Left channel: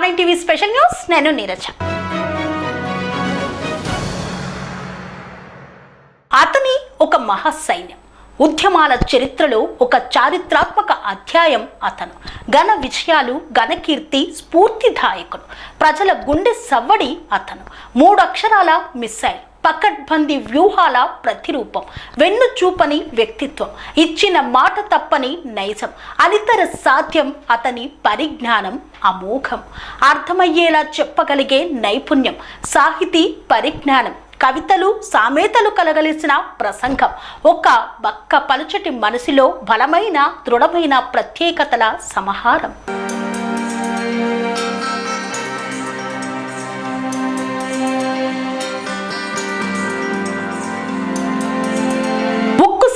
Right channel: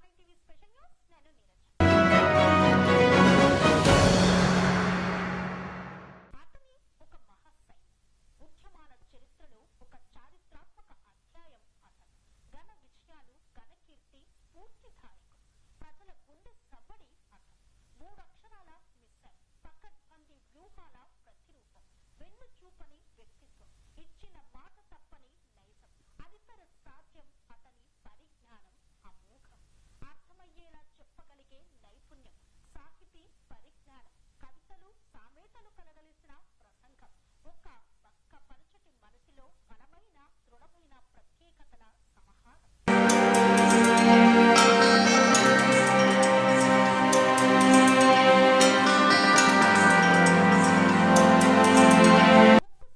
R9 TV special news నేను నీరజ. అతని ఒక మహాసైన్యం ఉద్యమాల చరిత్రలో ఒక చారిత్రాత్మక అధ్యాయం. అతను ఘన విజయాలు, ఘనకీర్తి, స్ఫూర్తిదాయకుడు, ప్రజల గుండె సవ్వడి. అతను 3 అక్షరాల మిస్సైల్, పకడ్బందీ వ్యూహాల ప్రతిరూపం, వెన్ను చూపని వ్యక్తిత్వం, ఇచ్చిన మాట తప్పని నైజం, అనితర సాధ్యం. అతని పరిజ్ఞానం అమోఘం, అర్థమయ్యేలా చెప్పగలిగే నైపుణ్యం, సాహితీ పరిజ్ఞానం, కవితలు, సామెతలు కలగలిసిన ప్రసంగం, ఒక బక్క పలుచటి మనసులో బలమైన దృఢమైన ప్రత్యేకతల సమాహారం.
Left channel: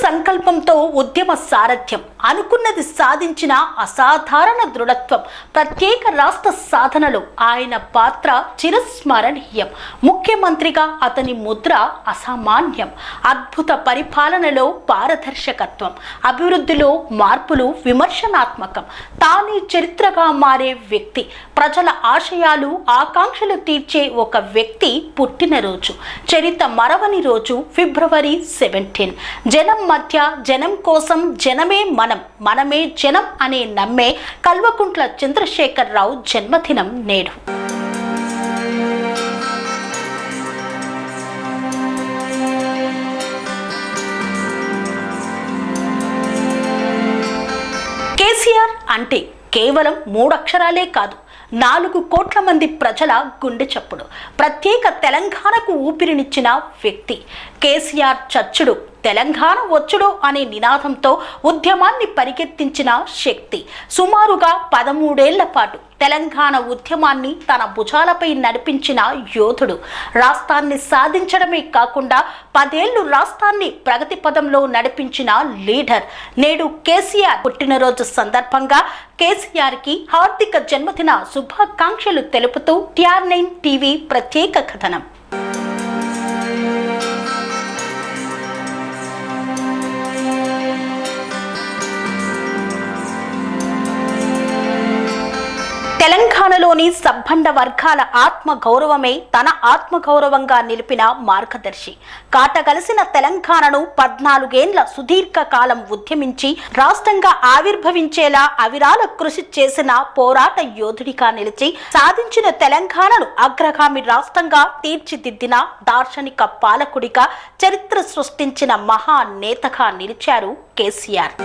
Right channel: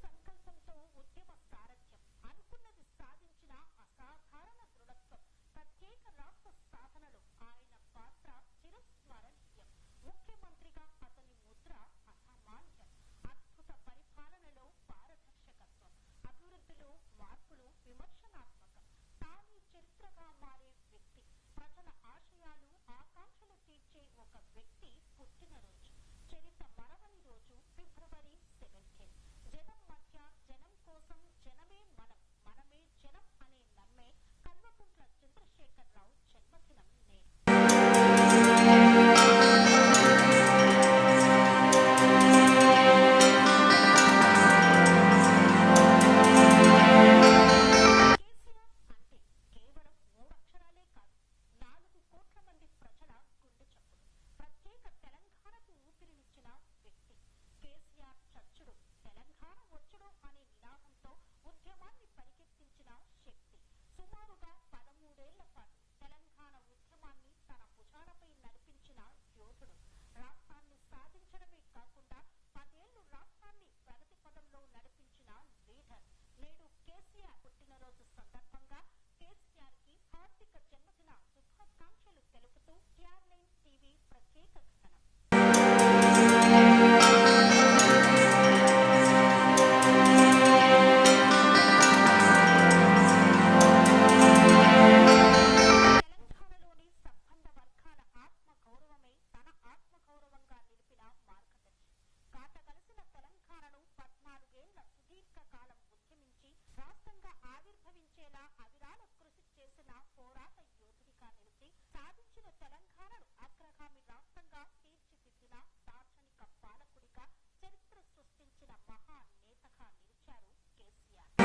సంకల్పంతో ఉద్యమ సారథ్యం, అనుకున్నది సాధించిన అసాధారణ దృఢత్వం, ప్రత్యేక రాష్ట్ర సాధనలో ఆయన పాత్ర చిరస్మరణీయం. ముఖ్యమంత్రిగా అతని ముద్ర అసామాన్యం. అద్భుత పరిపాలనలో పారదర్శకత్వం, అభివృద్ధిలో మార్పులు విమర్శనాత్మకం. తానే చరిత్రగా మారే వ్యక్తి, ప్రజల ఆశయాలు ఆకాంక్షలు తీర్చే ఒక వ్యక్తి పుట్టినరోజు, చరిత్ర మరవని రోజు ఫిబ్రవరి 17. జనం మధ్య, జనం కోసం, జనమే మనం, మనమే జనం అనే నమ్మే కల్వకుంట్ల చంద్రశేఖరరావు జన్మదినం నేడు. కేసీఆర్ అంటే కేవలం 3 అక్షరాలే కాదు, 4 కోట్ల మంది ప్రజల గుండె చప్పుడు. ప్రత్యేక తెలంగాణకు ఊపిరినిచ్చిన వ్యక్తి. కేసీఆర్ చచ్చుడు, తెలంగాణ వచ్చుడు అనే నినాదంతో ఉద్యమాన్ని పరిగెత్తించిన శక్తి. సుమారుగా 13 ఏళ్ల పాటు తెలంగాణ ఉద్యమాన్ని తన భుజాలపై నడిపించిన యోధుడు. రాష్ట్రాన్ని సాధించడమే కాకుండా 10 ఏళ్లు రాష్ట్రాన్ని ప్రగతి పదంలో నడిపించిన లీడర్. నేడు కేసీఆర్ పుట్టినరోజు సందర్భంగా కేసీఆర్కి హార్దిక జన్మదిన శుభాకాంక్షలు తెలుపుతూ R9 టీవీ ప్రత్యేక కథనం. తెలంగాణలోని సబ్బండ వర్గాల ఆత్మ గౌరవమే తన ఆత్మగౌరవంగా నిలిపిన మార్గదర్శి. కాటగలిసిన తెలంగాణను 14 ఏళ్ల సుదీర్ఘ కాలం ఉద్యమించి రాష్ట్రంగా ఆవిర్భవించేలా అవిరాల కృషి చేసిన పోరాట యోధుడిగా నిలిచి సాధించిన తెలంగాణను అగ్రగామి రాష్ట్రంగా తీర్చిదిద్దిన దార్శనిక పాలకుడిగా చరిత్ర సృష్టించిన మహానేతగా నిలిచారు కేసీఆర్.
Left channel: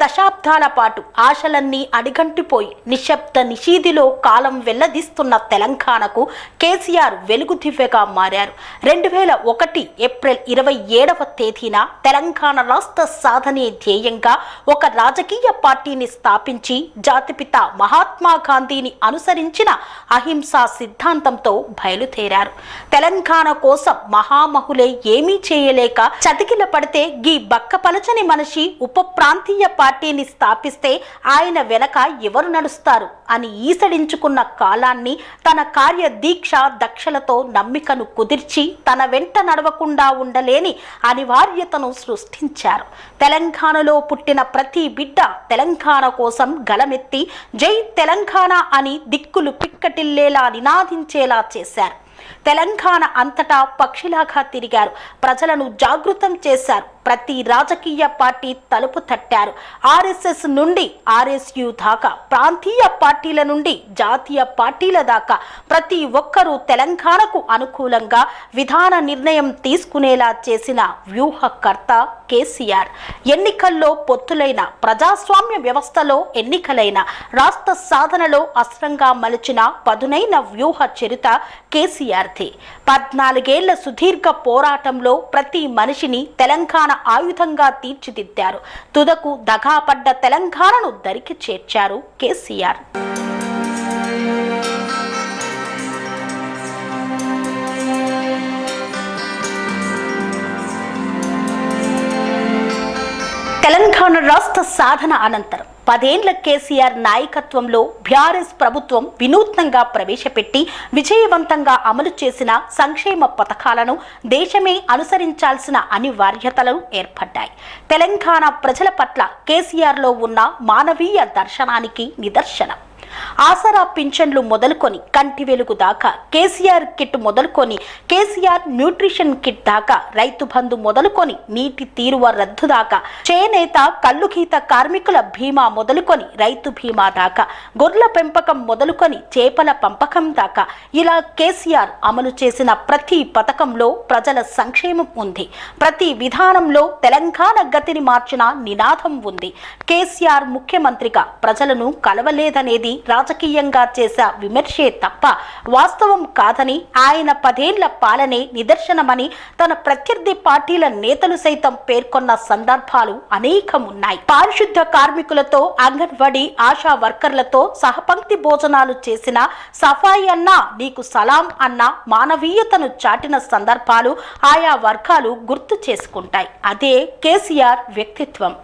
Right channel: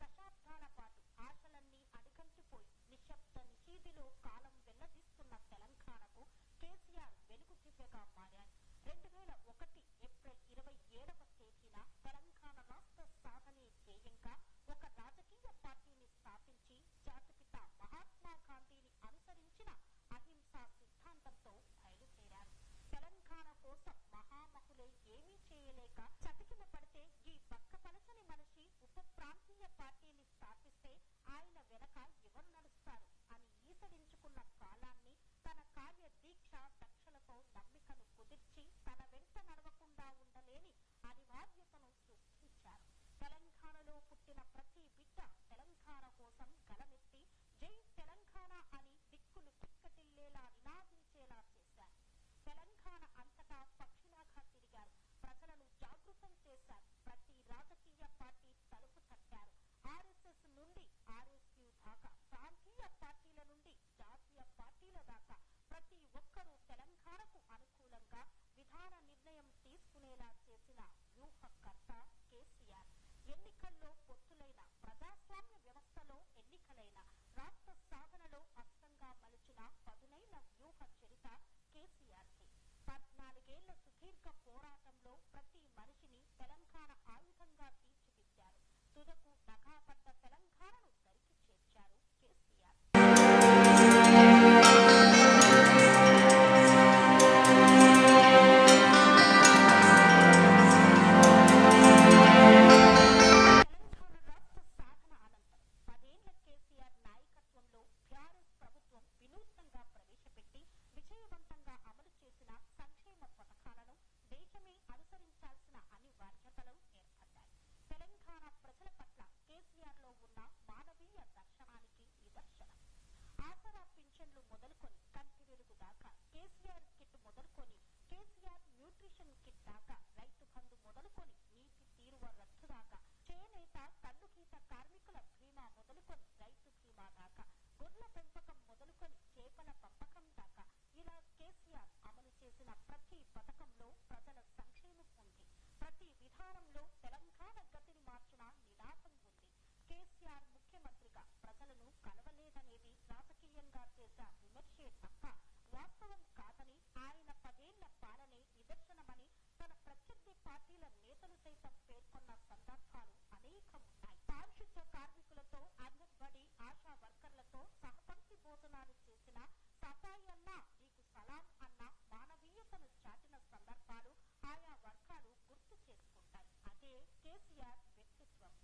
దశాబ్దాల పాటు ఆశలన్నీ అడిగంటిపోయి నిశ్శబ్ద నిషీదిలో కాలం వెల్లదీస్తున్న తెలంగాణకు కేసీఆర్ వెలుగు దివ్యగా మారారు. 2001 ఏప్రిల్ 27వ తేదీన తెలంగాణ రాష్ట్ర సాధనే ధ్యేయంగా ఒక రాజకీయ పార్టీని స్థాపించి జాతిపిత మహాత్మా గాంధీని అనుసరించిన అహింసా సిద్ధాంతంతో బయలుదేరారు. తెలంగాణ కోసం మహామహులే ఏమీ చేయలేక చతికిల పడితే గీ బక్కపలచని మనిషి ఉప ప్రాంతీయ పార్టీని స్థాపిస్తే ఆయన వెనక ఎవరు నడుస్తారు అని ఈసడించుకున్న కాలాన్ని తన కార్య దీక్ష దక్షలతో నమ్మికను కుదిర్చి తన వెంట నడవకుండా ఉండలేని అనివార్యతను సృష్టించారు. తెలంగాణలో పుట్టిన ప్రతి బిడ్డ తెలంగాణ కోసం గలమెత్తి జై తెలంగాణ అని దిక్కులు పిక్కటిల్లేలా నినాదించేలా చేశారు. తెలంగాణ అంతటా పక్షిలాగా తిరిగారు. ప్రజలను జాగృతం చేశారు. ప్రతి రాజకీయ పార్టీ తలుపు తట్టారు. ఆర్ఎస్ఎస్ నుండి ఆర్ఎస్యు దాకా, ప్రాంతీయ పార్టీల నుండి జాతీయ పార్టీల దాకా ప్రతి ఒక్కరూ తెలంగాణకు అనుకూలంగా విధాన నిర్ణయం తీసుకునేలా చేసిన వ్యూహకర్త కేసీఆర్. ఎన్నికల్లో పొత్తులైన, ప్రజాస్వామ్య వ్యవస్థలో ఎన్నికలైన, రాష్ట్ర సాధనలో అస్త్రంగా మలిచిన పదునైన వ్యూహ చరిత కేసీఆర్ది. 14 ఏళ్ల సుదీర్ఘ పోరాటంలో ప్రతి మనిషిని తెలంగాణ ఆయుధంగా తీర్చిదిద్దారు. తుదకు దగాపడ్డ తెలంగాణను దరికి చేర్చారు కేసీఆర్. తెలంగాణ రాష్ట్ర సాధన అనంతరం 10 ఏళ్ల కేసీఆర్ నాయకత్వంలో బీఆర్ఎస్ ప్రభుత్వం వినూత్నంగా ప్రవేశపెట్టి విజయవంతంగా అమలు చేసిన సంక్షేమ పథకాలను దేశమే అనుసరించాల్సిన అనివార్యతలు ఏర్పడ్డాయి. తెలంగాణ ప్రజల పట్ల కేసీఆర్లో ఉన్న మానవీయ దర్శనానికి నిదర్శనం. ఆసరా పింఛన్లు మొదలుకొని కంటి వెలుగు దాకా, కేసీఆర్ కిట్ మొదలుకొని కేసీఆర్ న్యూట్రిషన్ కిట్ దాకా, రైతు బంధు మొదలుకొని నీటి తీరువ రద్దు దాకా, చేనేత కల్లుగీత కార్మికుల బీమా మొదలుకొని రైతు బీమా దాకా, గొర్రెల పెంపకం మొదలుకొని చేపల పంపకం దాకా, ఇలా కేసీఆర్ అమలు చేసిన ప్రతి పథకంలో ప్రజల సంక్షేమం ఉంది. ప్రతి విధానంలో తెలంగాణ గతిని మార్చిన నినాదం ఉంది. కేసీఆర్ ముఖ్యమంత్రిగా ప్రజలను కలవలేదనేది రాజకీయంగా చేసే విమర్శే తప్ప వాస్తవం కాదని, ఆయన 10 ఏళ్ల పాలనే నిదర్శనమని తన ప్రత్యర్థి పార్టీల నేతలు సైతం పేర్కొన్న సందర్భాలు అనేకమున్నాయి. పారిశుద్ధ కార్మికులతో, అంగన్వాడీ ఆశా వర్కర్లతో సహపంక్తి భోజనాలు చేసిన, సఫాయి అన్నా నీకు సలాం అన్న మానవీయతను చాటిన సందర్భాలు ఆయా వర్గాలు గుర్తు చేసుకుంటాయి. అదే కేసీఆర్ వ్యక్తిత్వం.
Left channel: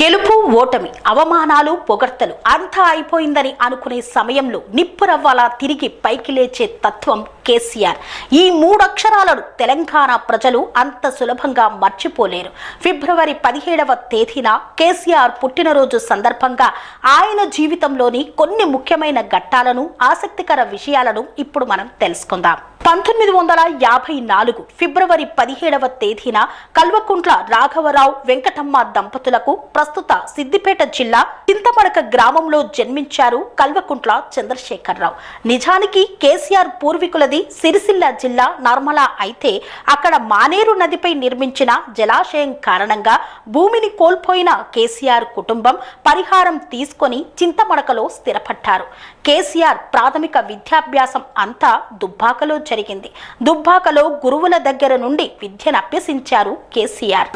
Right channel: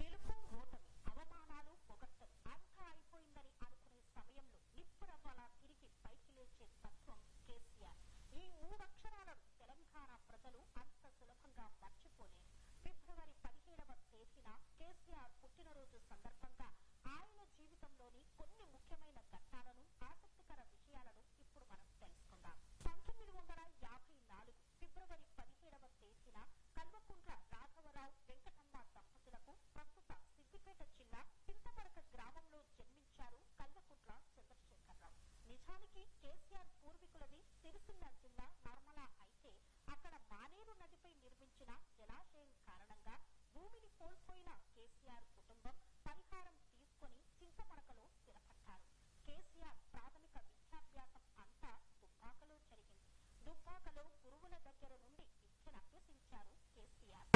గెలుపు ఓటమి, అవమానాలు పొగడ్తలు అంతా అయిపోయిందని అనుకునే సమయంలో నిప్పురవ్వాలా తిరిగి పైకి లేచే తత్వం కేసీఆర్. ఈ 3 అక్షరాలను తెలంగాణ ప్రజలు అంత సులభంగా మర్చిపోలేరు. ఫిబ్రవరి 17వ తేదీన కేసీఆర్ పుట్టినరోజు సందర్భంగా ఆయన జీవితంలోని కొన్ని ముఖ్యమైన ఘట్టాలను, ఆసక్తికర విషయాలను ఇప్పుడు మనం తెలుసుకుందాం. 1954 ఫిబ్రవరి 17వ తేదీన కల్వకుంట్ల రాఘవరావు వెంకటమ్మ దంపతులకు ప్రస్తుత సిద్దిపేట జిల్లా చింతమడక గ్రామంలో జన్మించారు కల్వకుంట్ల చంద్రశేఖరరావు. నిజానికి కేసీఆర్ పూర్వీకులది సిరిసిల్ల జిల్లా నర్మల అయితే అక్కడ మానేరు నదిపై నిర్మించిన జలాశయం కారణంగా భూమిని కోల్పోయిన కేసీఆర్ కుటుంబం పరిహారం తీసుకొని చింతమడకలో స్థిరపడ్డారు. కేసీఆర్ ప్రాథమిక విద్యాభ్యాసం అంతా దుబ్బాకలో జరిగింది. దుబ్బాకలో గురువుల దగ్గర నుండి విద్యను అభ్యసించారు కేసీఆర్.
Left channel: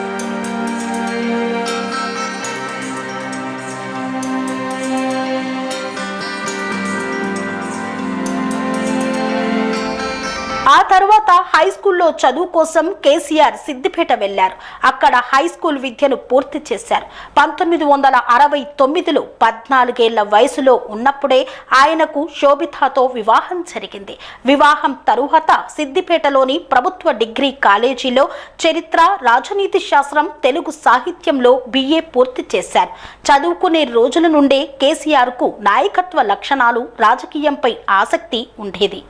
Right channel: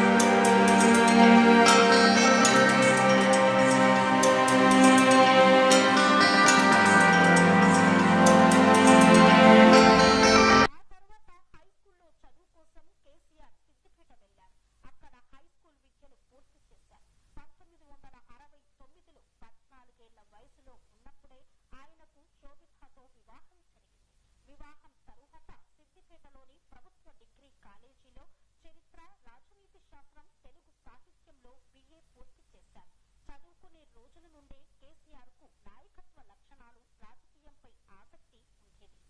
ఆ తర్వాత హై స్కూల్లో చదువు కోసం కేసీఆర్ సిద్దిపేట వెళ్లారు. అక్కడ హై స్కూల్ విద్యను పూర్తి చేశారు. 1969లో 14 ఏళ్ల వయసులో ఉన్నప్పుడే ఆయనకు శోభితాతో వివాహం జరిగింది. వివాహం తరువాత సిద్దిపేటలోని ప్రభుత్వ డిగ్రీ కాలేజీలో చరిత్ర, రాజనీతి శాస్త్రం, తెలుగు సాహిత్యంలో BA పూర్తి చేశారు. చదువుకునే రోజుల నుండే కేసీఆర్కు నాయకత్వ లక్షణాలు, రాజకీయంపై ఆసక్తి ఉండేది.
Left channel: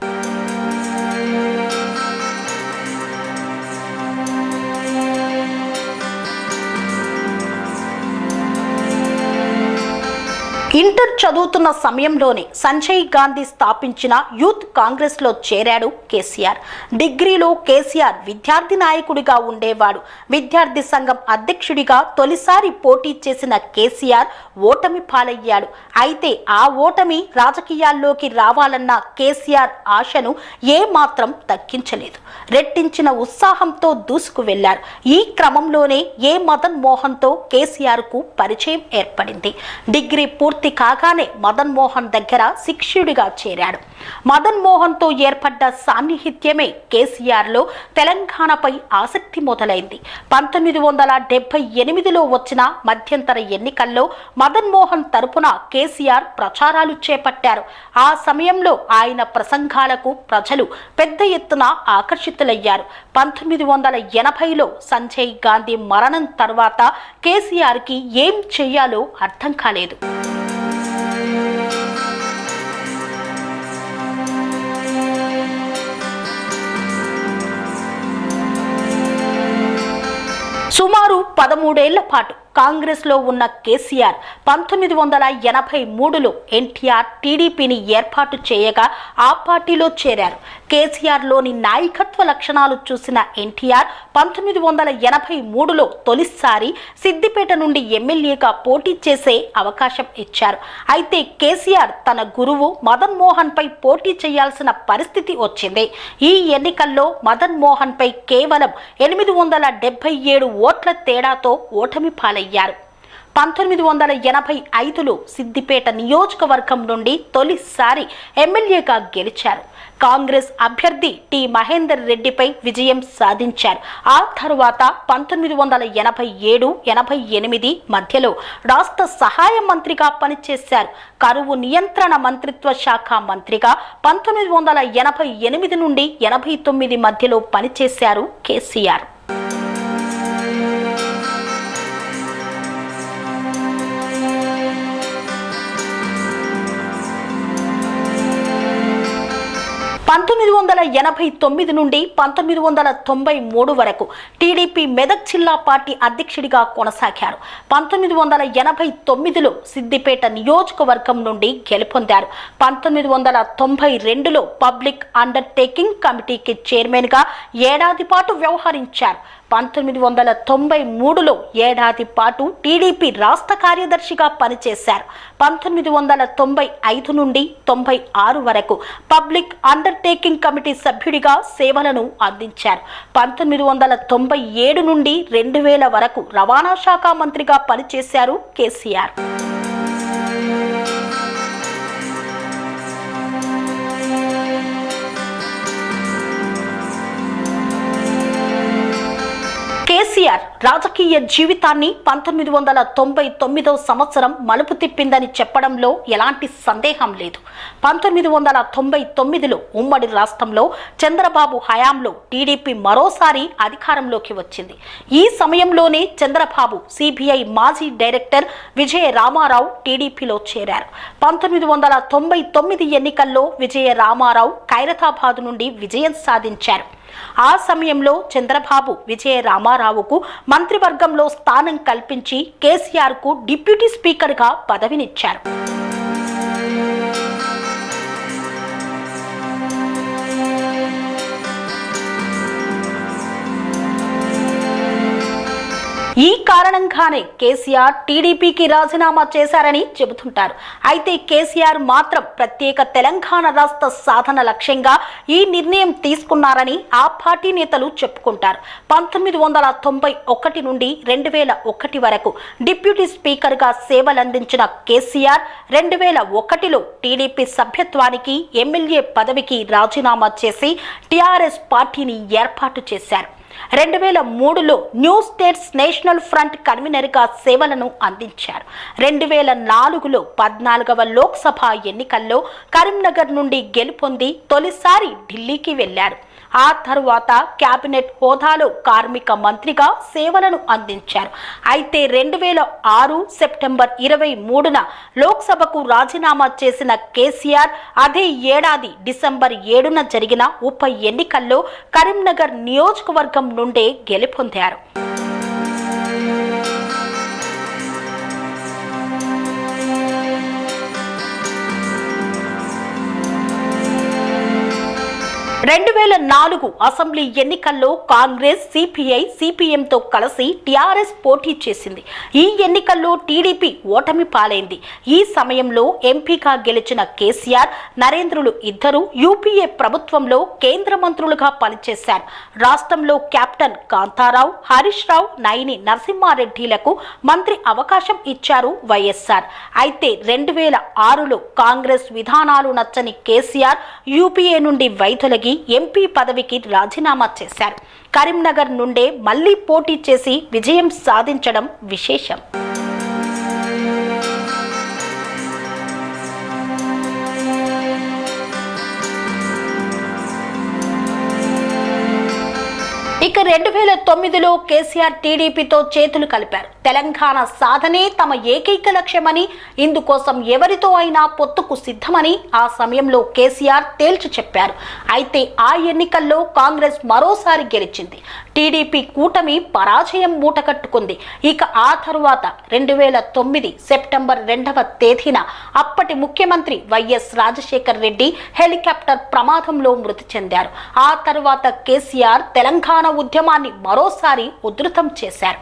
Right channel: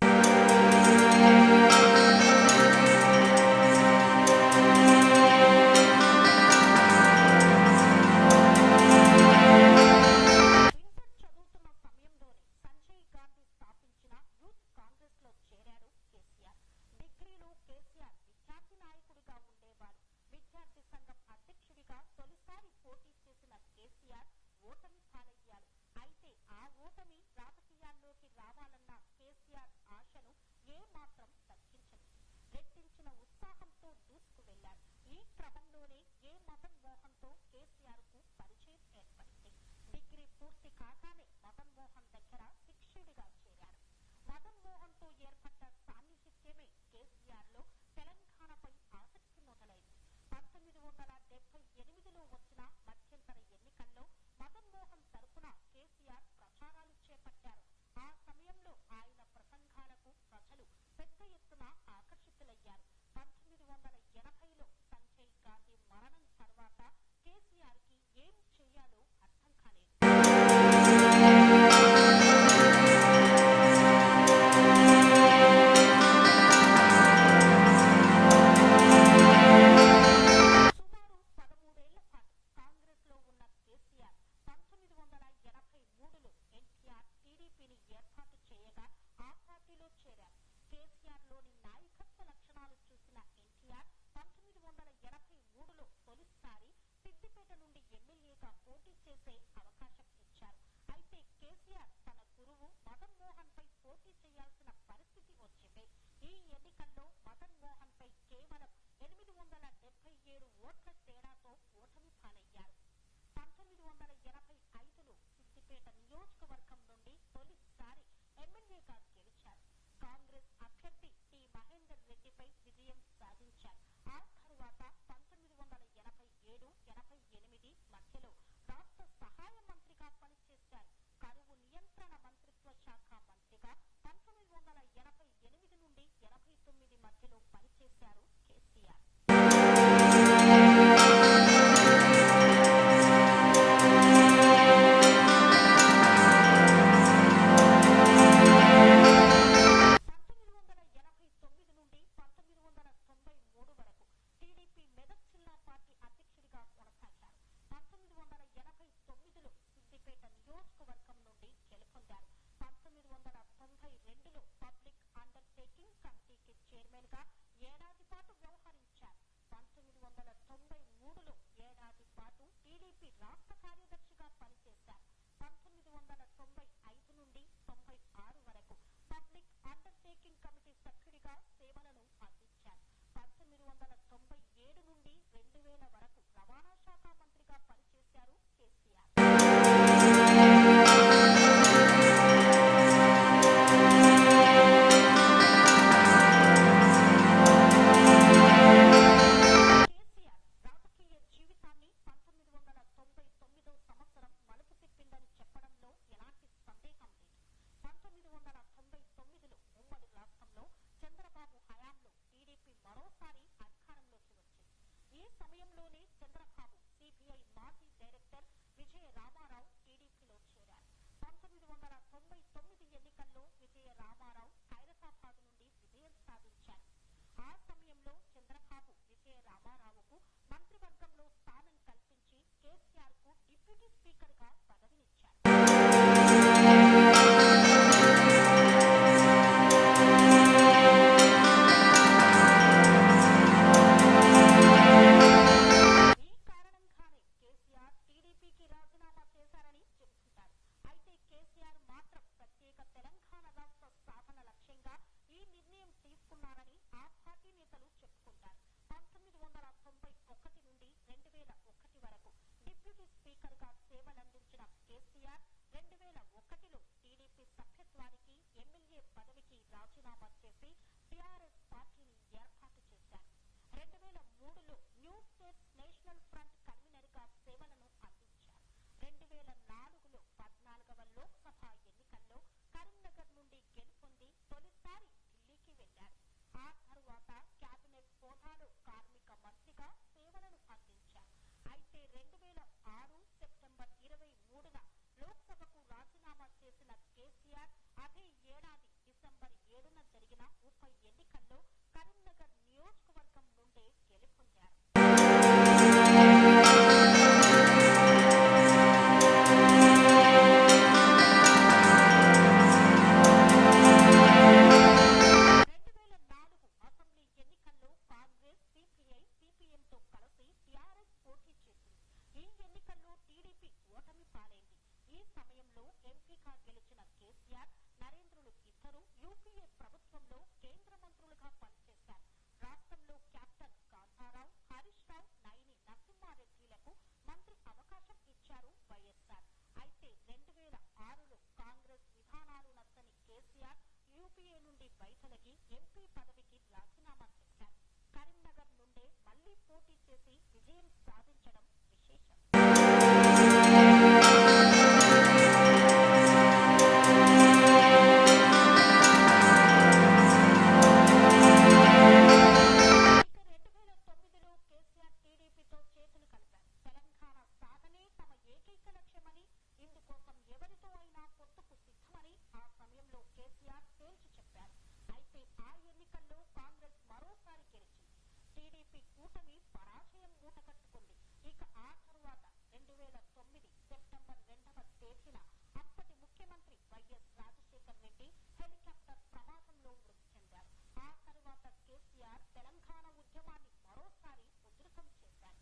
ఇంటర్ చదువుతున్న సమయంలోనే సంజయ్ గాంధీ స్థాపించిన యూత్ కాంగ్రెస్లో చేరాడు కేసీఆర్. డిగ్రీలో కేసీఆర్ విద్యార్థి నాయకుడిగా ఉండేవాడు. విద్యార్థి సంఘం అధ్యక్షుడిగా తొలిసారి పోటీ చేసిన కేసీఆర్ ఓటమి పాలయ్యాడు. అయితే ఆ ఓటమి రాజకీయాల్లోకి రావాలన్న కేసీఆర్ ఆశను ఏమాత్రం తగ్గించలేదు. రెట్టించిన ఉత్సాహంతో దూసుకు వెళ్లారు. ఈ క్రమంలోనే మదన్ మోహన్తో కేసీఆర్కు పరిచయం ఏర్పడింది. డిగ్రీ పూర్తి కాగానే మదన్ మోహన్ దగ్గర శిష్యుడిగా చేరాడు. మదన్ మోహన్తో ఏర్పడ్డ సాన్నిహిత్యమే కేసీఆర్లో తెలంగాణపై ఆసక్తి మొదలైంది. 1978లో వచ్చిన మధ్యంతర ఎన్నికల్లో మదన్ మోహన్ తరపున కేసీఆర్ ప్రచారాలు చేపట్టారు. ఆ సమయంలో ఆయన ప్రసంగాలకు ప్రజలు పెద్ద ఎత్తున ఆకర్షితులయ్యారు. 1980లో సంజయ్ గాంధీ మరణం తర్వాత కేసీఆర్కి ఏం చేయాలో అర్థం కాలేదు. సుమారు 13 ఏళ్ల పాటు కాంగ్రెస్లో ఉన్న కేసీఆర్ 1983లో ఎన్టీఆర్ టీడీపీని ఏర్పాటు చేయగా ఆ పార్టీలో చేరారు. కేసీఆర్లోని నాయకత్వ లక్షణాలు చూసిన ఎన్టీఆర్ 1983లో తొలిసారి సిద్దిపేట నుండి ఎమ్మెల్యేగా పోటీ చేసే అవకాశం ఇచ్చారు. అయితే కేసీఆర్ తన గురువు మదన్ మోహన్ పై పోటీ చేయాల్సిన పరిస్థితి వచ్చింది. ఈ ఎన్నికల్లో మదన్ మోహన్ పై కేవలం 877 ఓట్ల తేడాతో ఓటమి పాలయ్యారు. 1985లో సిద్దిపేట నియోజకవర్గం నుండి తొలిసారి ఎమ్మెల్యేగా గెలిచారు. కాంగ్రెస్ అభ్యర్థి టి మహేందర్ రెడ్డిపై విజయం సాధించారు. ఆ తర్వాత 1987-88 మధ్యలో రాష్ట్ర సహాయ మంత్రిగా పనిచేశారు. కరువు నియంత్రణ మంత్రిత్వ శాఖ మంత్రిగా 1988 నుండి 89 మధ్యలో పనిచేశారు కేసీఆర్. పంతొమ్మిది 1989 నుండి 1993 వరకు టీడీపీ మెదక్ జిల్లా పార్టీ అధ్యక్షుడిగా కొనసాగారు. 1989లో సిద్దిపేట నియోజకవర్గం నుండి గెలుపొందారు. 1992లో పబ్లిక్ అండర్టేకింగ్ కమిటీకి చైర్మన్గా ఏడాది పాటు వ్యవహరించారు. 1993లో ఏడాది పాటు టీడీపీ రాష్ట్ర కార్యదర్శిగా పనిచేశారు. 1995 నుండి 96 వరకు పబ్లిక్ అండర్టేకింగ్ కమిటీ సభ్యుడిగా సేవలను అందించారు. 1997 నుండి 2000 వరకు రవాణా శాఖ మంత్రిగా పనిచేశారు కేసీఆర్. కేసీఆర్ రాజకీయ జీవితాన్ని 1999వ సంవత్సరం మలుపు తిప్పిందని చెప్పడంలో ఎలాంటి సందేహం లేదు. 1999లో ఉమ్మడి రాష్ట్రంలో చంద్రబాబు హయాంలో టీడీపీ మరోసారి అధికారంలోకి వచ్చింది. ఈ సమయంలోనే చంద్రబాబు సిబిఐ మాజీ డైరెక్టర్ విజయ రామారావు టీడీపీలో చేరారు. 1999 ఎన్నికల్లో విజయ రామారావు ఖైరతాబాద్ నుండి విజయం సాధించారు. ఆ సమయంలో చంద్రబాబు విజయ రామారావుకు మంత్రివర్గంలో స్థానం కల్పించి కేసీఆర్కు డిప్యూటీ స్పీకర్గా పదవినిచ్చారు. ఈ కారణంగానే కేసీఆర్ టీడీపీకి రాజీనామా చేశారని చెబుతుంటారు. అయితే కేసీఆర్ మాత్రం ప్రత్యేక తెలంగాణ రాష్ట్ర సాధన లక్ష్యంగా ఈ నిర్ణయం తీసుకున్నారని ఆ పార్టీ నేతలు చెప్పుకుంటారు. 1991 నుండి 2001 వరకు డిప్యూటీ స్పీకర్గా సేవలందించిన కేసీఆర్ 2001లో టీడీపీ సభ్యత్వానికి ఎమ్మెల్యే పదవికి రాజీనామా చేసి టీఆర్ఎస్ పార్టీని ఏర్పాటు చేశారు. 2003లో న్యూ స్టేట్స్ నేషనల్ ఫ్రంట్ కన్వీనర్గా సేవలను అందించారు. 2004లో 14వ లోక్సభ ఎన్నికల్లో కరీంనగర్ నుండి గెలుపొంది తొలిసారి ఢిల్లీకి వెళ్లారు. ఆ తరువాత కేబినెట్ హోదాలో కార్మిక మంత్రిగా సేవలను అందించారు. అయితే 2006 సెప్టెంబర్ 23న లోక్సభకు రాజీనామా చేసిన కేసీఆర్ అదే ఏడాది డిసెంబర్ 7న జరిగిన ఉప ఎన్నికల్లో కరీంనగర్ నియోజకవర్గం నుండే గెలుపొందారు. రెండు 2004 అసెంబ్లీ ఎన్నికల్లో కాంగ్రెస్ సిపిఐ సిపిఎంతో కలిసి టీఆర్ఎస్ పోటీ చేసింది. ఈ ఎన్నికల్లో టీడీపీ ఓటమి పాలైంది. ఈ సమయంలో ఎంపీగా గెలిచిన కేసీఆర్ నరేంద్రులు ఇద్దరు యూపీఏ ప్రభుత్వంలో కేంద్ర మంత్రులుగా పనిచేశారు. రాష్ట్రంలో కెప్టెన్ కాంతారావు, హరీష్ రావు, నైని నరసింహారెడ్డిలకు మంత్రి అవకాశం ఇచ్చారు వైఎస్ఆర్. అయితే 2006లో కాంగ్రెస్ విధానాలు నచ్చని కేసీఆర్ యూపీఏ నుండి వైదొలగి ఎంపీ పదవికి రాజీనామా చేశారు. కరీంనగర్ నుండే మళ్లీ పోటీ చేసి విజయం సాధించడం విశేషం. 2009లో కేసీఆర్ టీడీపీతో చేతులు కలిపారు. తెలంగాణ సాధనే తమ ఏకైక లక్ష్యమని, ఇందుకోసం ఎవరితో అయినా పొత్తుకు సిద్ధమని ఆ సమయంలో కేసీఆర్ తేల్చి చెప్పారు. అయితే ఆ ఎన్నికల్లో కాంగ్రెస్ మరోసారి గెలిచింది. టీడీపీ కూటమి పరాజయం మూటకట్టుకుంది. ఇక ఆ తరువాత 2009 సెప్టెంబర్ 2వ తేదీన అప్పటి ముఖ్యమంత్రి వైఎస్ రాజశేఖర్ రెడ్డి హెలికాప్టర్ ప్రమాదంలో మృతి చెందారు. ఆ తరువాత కేసీఆర్ తెలంగాణ ఉద్యమాన్ని మరోసారి ఉధృతం చేశారు.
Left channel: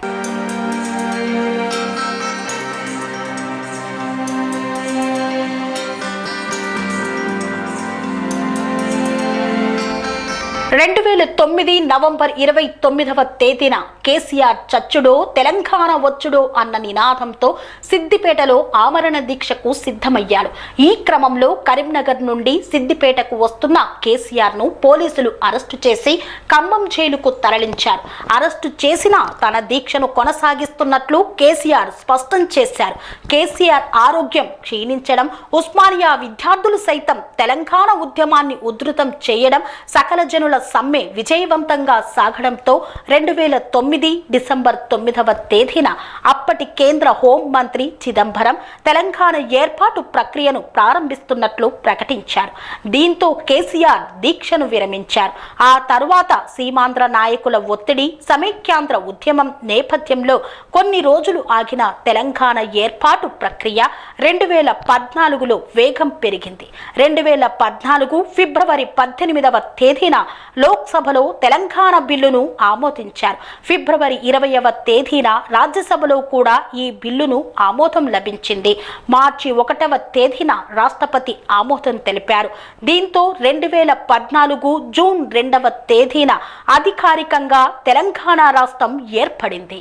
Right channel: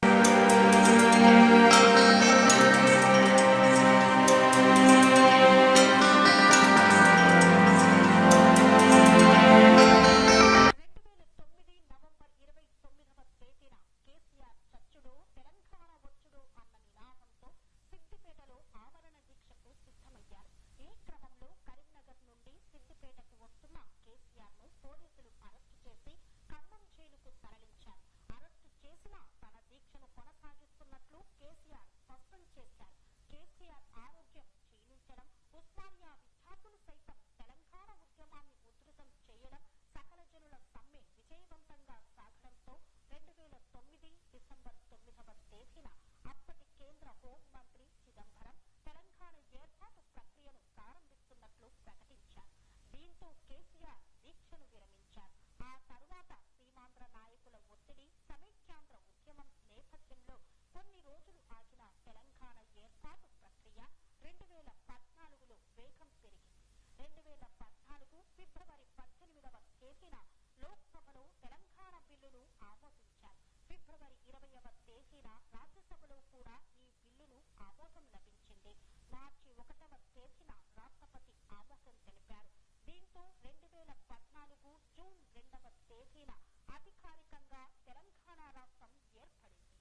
2009 2009 నవంబర్ 29వ తేదీన కేసీఆర్ చచ్చుడో తెలంగాణ వచ్చుడో అన్న నినాదంతో సిద్దిపేటలో ఆమరణ దీక్షకు సిద్ధమయ్యాడు. ఈ క్రమంలో కరీంనగర్ నుండి సిద్దిపేటకు వస్తున్న కేసీఆర్ ను పోలీసులు అరెస్టు చేసి ఖమ్మం జైలుకు తరలించారు. అరెస్టు చేసిన తన దీక్షను కొనసాగిస్తున్నట్లు కేసీఆర్ స్పష్టం చేశారు. కేసీఆర్ ఆరోగ్యం క్షీణించడం, ఉస్మానియా విద్యార్థులు సైతం తెలంగాణ ఉద్యమాన్ని ఉధృతం చేయడం, సకల జనుల సమ్మె విజయవంతంగా సాగడంతో 2009 డిసెంబర్ 9వ తేదీన అప్పటి కేంద్ర హోం మంత్రి చిదంబరం తెలంగాణ ఏర్పాటు ప్రక్రియను ప్రారంభిస్తున్నట్లు ప్రకటించారు. దీంతో కేసీఆర్ దీక్షను విరమించారు. ఆ తరువాత సీమాంధ్ర నాయకుల ఒత్తిడి, సమైక్యాంధ్ర ఉద్యమం నేపథ్యంలో కొన్ని రోజులు ఆగిన తెలంగాణ ఏర్పాటు ప్రక్రియ 2014లో వేగం పెరిగింది. 2014 ఫిబ్రవరి 18వ తేదీన లోక్సభలో తెలంగాణ బిల్లును ఆమోదించారు. ఫిబ్రవరి 20వ తేదీన రాజ్యసభలో కూడా ఈ బిల్లును ఆమోదం లభించింది. మార్చి 1వ తేదీన రాష్ట్రపతి ఆమోదం తెలిపారు. దీంతో 2014 జూన్ 2వ తేదీన అధికారికంగా తెలంగాణ రాష్ట్రం ఏర్పడింది.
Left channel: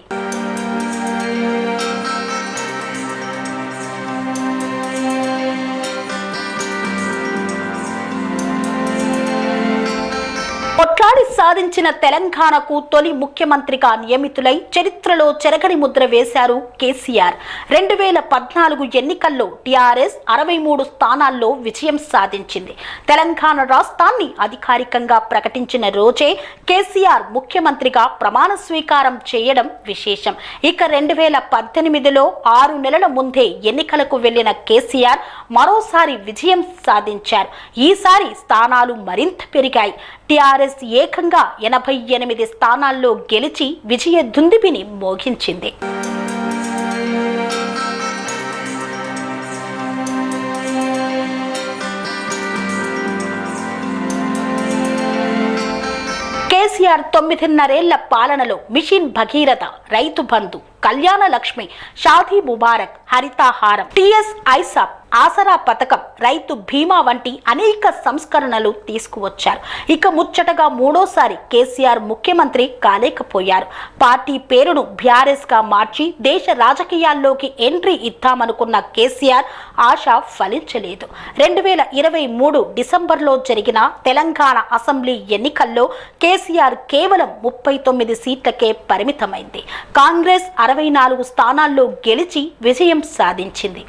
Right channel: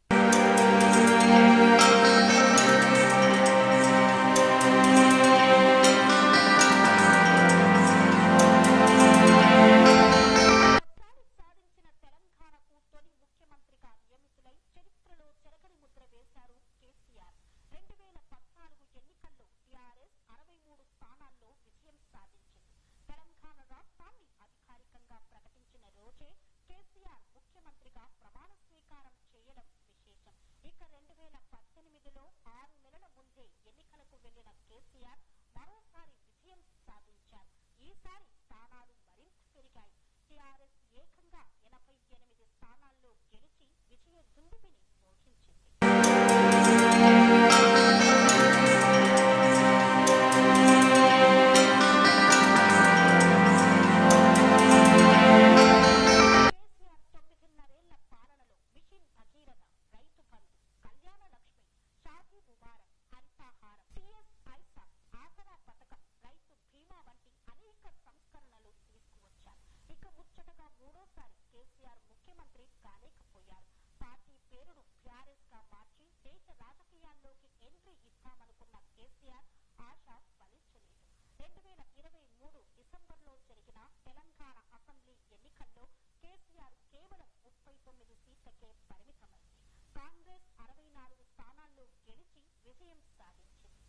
కొట్లాడి సాధించిన తెలంగాణకు తొలి ముఖ్యమంత్రిగా నియమితులై చరిత్రలో చెరగని ముద్ర వేశారు కేసీఆర్. 2014 ఎన్నికల్లో టీఆర్ఎస్ 63 స్థానాల్లో విజయం సాధించింది. తెలంగాణ రాష్ట్రాన్ని అధికారికంగా ప్రకటించిన రోజే కేసీఆర్ ముఖ్యమంత్రిగా ప్రమాణ స్వీకారం చేయడం విశేషం. ఇక 2018లో 6 నెలల ముందే ఎన్నికలకు వెళ్లిన కేసీఆర్ మరోసారి విజయం సాధించారు. ఈసారి స్థానాలు మరింత పెరిగాయి. టీఆర్ఎస్ ఏకంగా 88 స్థానాల్లో గెలిచి విజయ దుందుబిని మోగించింది. కేసీఆర్ 9.5 పాలనలో మిషన్ భగీరథ, రైతు బంధు, కళ్యాణ లక్ష్మి, షాదీ ముబారక్, హరితాహారం, టీఎస్ ఐసాప్, ఆసరా పథకం, రైతు బీమా వంటి అనేక సంస్కరణలు తీసుకువచ్చారు. ఇక ముచ్చటగా మూడోసారి కేసీఆర్ ముఖ్యమంత్రి కాలేకపోయారు. పార్టీ పేరును బీఆర్ఎస్ గా మార్చి దేశ రాజకీయాల్లోకి ఎంట్రీ ఇద్దామనుకున్న కేసీఆర్ ఆశ ఫలించలేదు. 2023 డిసెంబర్లో జరిగిన తెలంగాణ అసెంబ్లీ ఎన్నికల్లో కేసీఆర్ కేవలం 39 సీట్లకే పరిమితమైంది. కాంగ్రెస్ 64 స్థానాల్లో గెలిచి విజయం సాధించింది.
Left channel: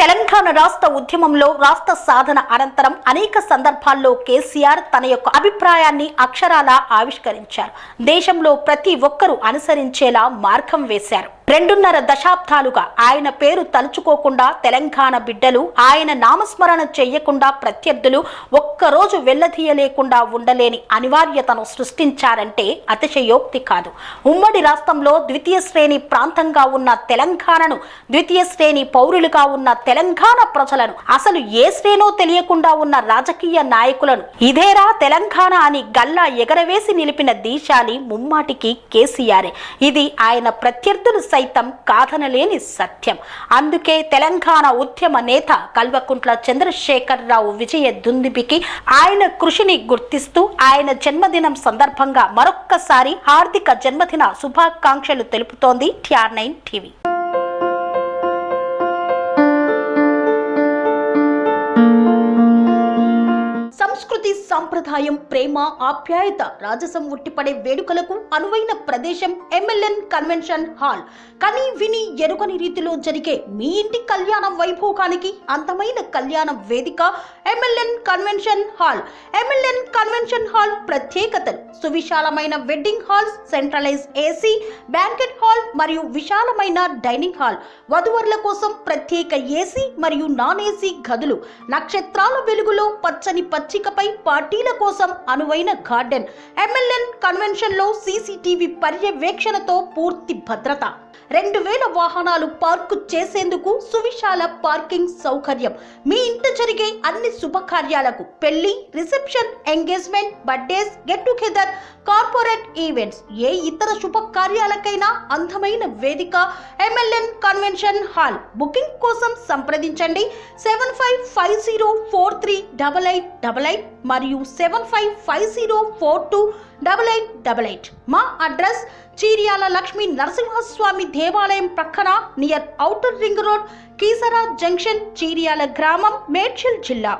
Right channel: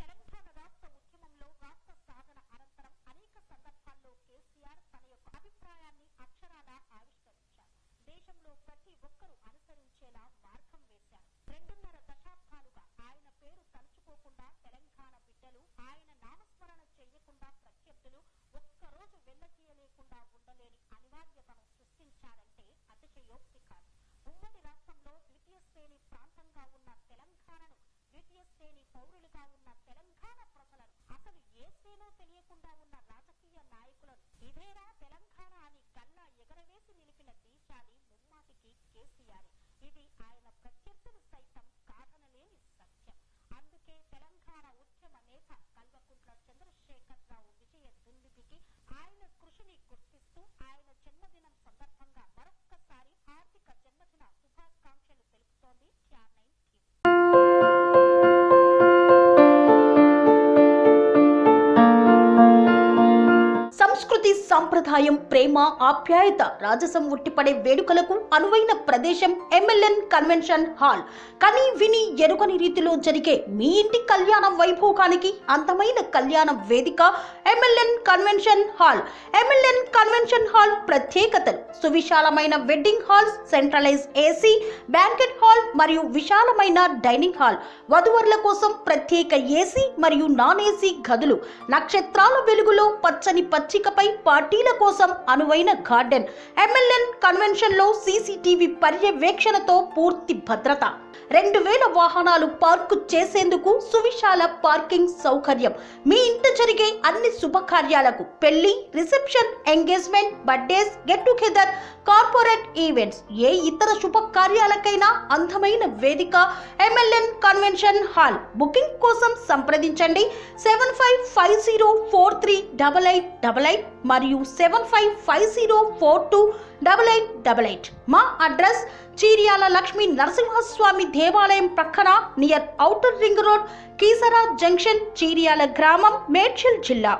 తెలంగాణ రాష్ట్ర ఉద్యమంలో రాష్ట్ర సాధన అనంతరం అనేక సందర్భాల్లో కేసీఆర్ తన యొక్క అభిప్రాయాన్ని అక్షరాలా ఆవిష్కరించారు. దేశంలో ప్రతి ఒక్కరూ అనుసరించేలా మార్గం వేశారు. 2.5 దశాబ్దాలుగా ఆయన పేరు తలుచుకోకుండా తెలంగాణ బిడ్డలు, ఆయన నామస్మరణ చెయ్యకుండా ప్రత్యర్థులు ఒక్కరోజు వెళ్లదీయలేకుండా ఉండలేని అనివార్యతను సృష్టించారంటే అతిశయోక్తి కాదు. ఉమ్మడి రాష్ట్రంలో ద్వితీయ శ్రేణి ప్రాంతంగా ఉన్న తెలంగాణను, ద్వితీయ శ్రేణి పౌరులుగా ఉన్న తెలంగాణ ప్రజలను, అసలు ఏ శ్రేణో తెలియకుండా ఉన్న రాజకీయ నాయకులను ఇదేరా తెలంగాణ అని గల్లా ఎగరవేసి నిలిపిన దీశాలి ముమ్మాటికి కేసీఆర్. ఇది ఆయన ప్రత్యర్థులు సైతం కాదనలేని సత్యం. అందుకే తెలంగాణ ఉద్యమ నేత కల్వకుంట్ల చంద్రశేఖరరావు విజయ దుందుబికి ఆయన కృషిని గుర్తిస్తూ ఆయన జన్మదినం సందర్భంగా మరొక్కసారి హార్దిక జన్మదిన శుభాకాంక్షలు తెలుపుతోంది TR9 టీవీ. సంస్కృతి, సంప్రదాయం, ప్రేమ, ఆప్యాయత, రాజసం ఉట్టిపడే వేడుకలకు అనువైన ప్రదేశం MLN కన్వెన్షన్ హాల్. కని విని ఎరుగని రీతిలో జరిగే మీ ఇంటి కళ్యాణ వైభోగానికి అందమైన కళ్యాణ వేదిక MLN convention hall. MLN convention hall ప్రత్యేకతలు: సువిశాలమైన wedding halls, centralise AC banquet hall మరియు విశాలమైన డైనింగ్ హాల్, వధువరుల కోసం ప్రత్యేక AC మరియు నాన్ AC గదులు, నక్షత్రాల వెలుగులో పచ్చని పచ్చికపై పార్టీల కోసం అనువైన గార్డెన్. MLN కన్వెన్షన్ లో CCTV పర్యవేక్షణతో పూర్తి భద్రత. 2000 వాహనాలు పార్కు చేసేందుకు సువిశాల పార్కింగ్ సౌకర్యం. మీ ఇంట జరిగే అన్ని శుభకార్యాలకు, పెళ్లి, reception, engagement, birthdays, get together, corporate events, ఏ ఇతర శుభకార్యాలకైనా అందమైన వేదిక MLN కన్వెన్షన్ హాల్. బుకింగ్ కోసం సంప్రదించండి 7550438888 మరియు 7550428888. మా అడ్రస్ చీర్యాల లక్ష్మీ నరసింహస్వామి దేవాలయం ప్రక్కన, near outer ring road, Keesara junction, Cheeryal గ్రామం, మేడ్చల్ జిల్లా.